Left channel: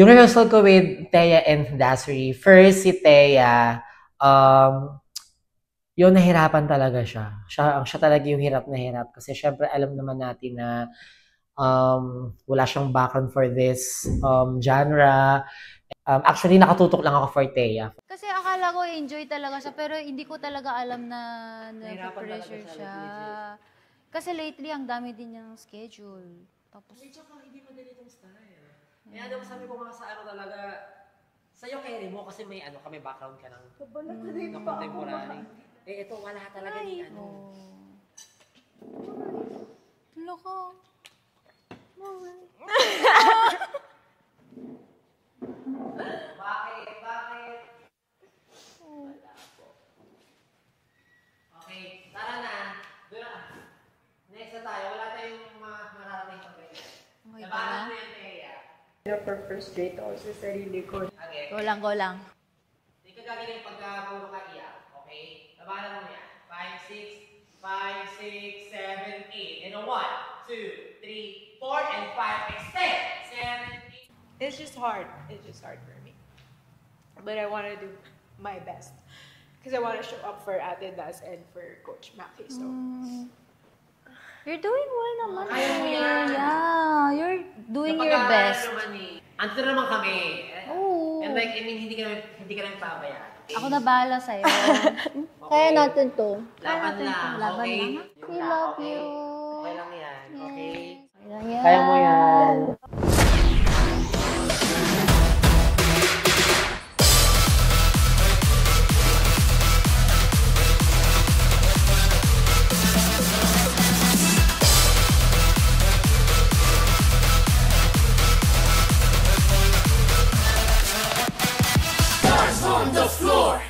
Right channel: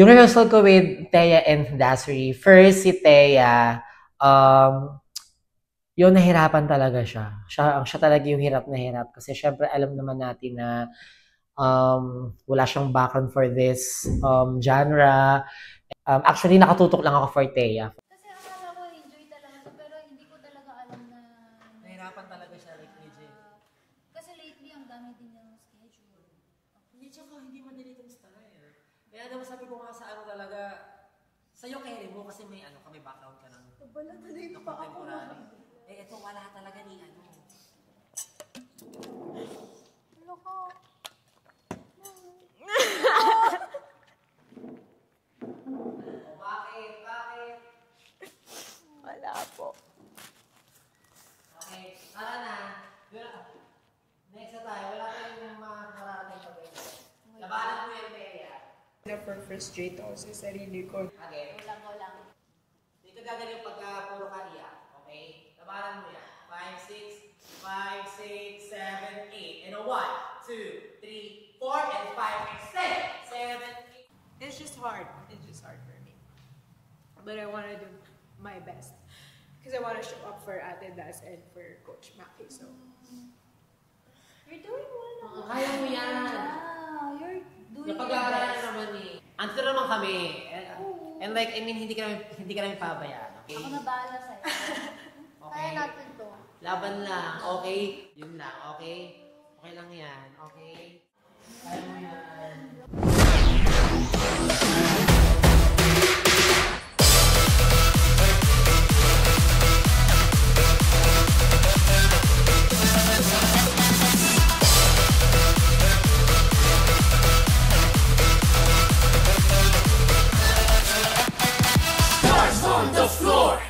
Yung rehearsal ko with Thea and Dasri, first si Thea, yun nahirapan talaga siya. Siya talaga yung hirap na hirap kasi syempre alam naman natin na wala siyang background for this genre. Actually, nakatutok lang ako for Thea. Kasi akala ko enjoy talaga siya pero hindi ko talaga alam na Nahirapan talaga pressure siya, siya. like legit. Kasi lately ang dami din niyang schedule. Tapos Hindi madali itong style. Kaya naman sabi ko nga sa ano talaga, sa'yo carry mo kasi may ano kami background ka ng contemporary. Eh ito wala talaga ni ano. Loko. Bakit? Wala po. Okay, tara na. Next na tayo. Wala tayong mararating pa guys. Labanan mo yan, Thea. Na-frustrate ako sa sarili ko. Okay. Go lang. Hindi ka gagaling pagka puro ka iyak. Okay? Labanan mo yan. 5, 6, 5, 6, 7, 8. And a 1, 2, 3, 4, and 5. Extend. 7, 8. It's just hard. It's just hard for me. But I want to do my best. Because I want to show up for Ate Das and for Coach Maki. So, You're doing well naman. Kaya mo yan. Yeah, you're doing your Napag-aaral best. naman eh. Andito naman kami. Oo. And like, I mean, hindi ka namin pabayaan. Okay? Ako na bahala sa'yo. Kaya natin to. Laban lang. Laban Okay? lang. Yun We lang. love Okay? you. Okay lang yan. Okay? Ayan. Kaya mo yan. Stars on the floor.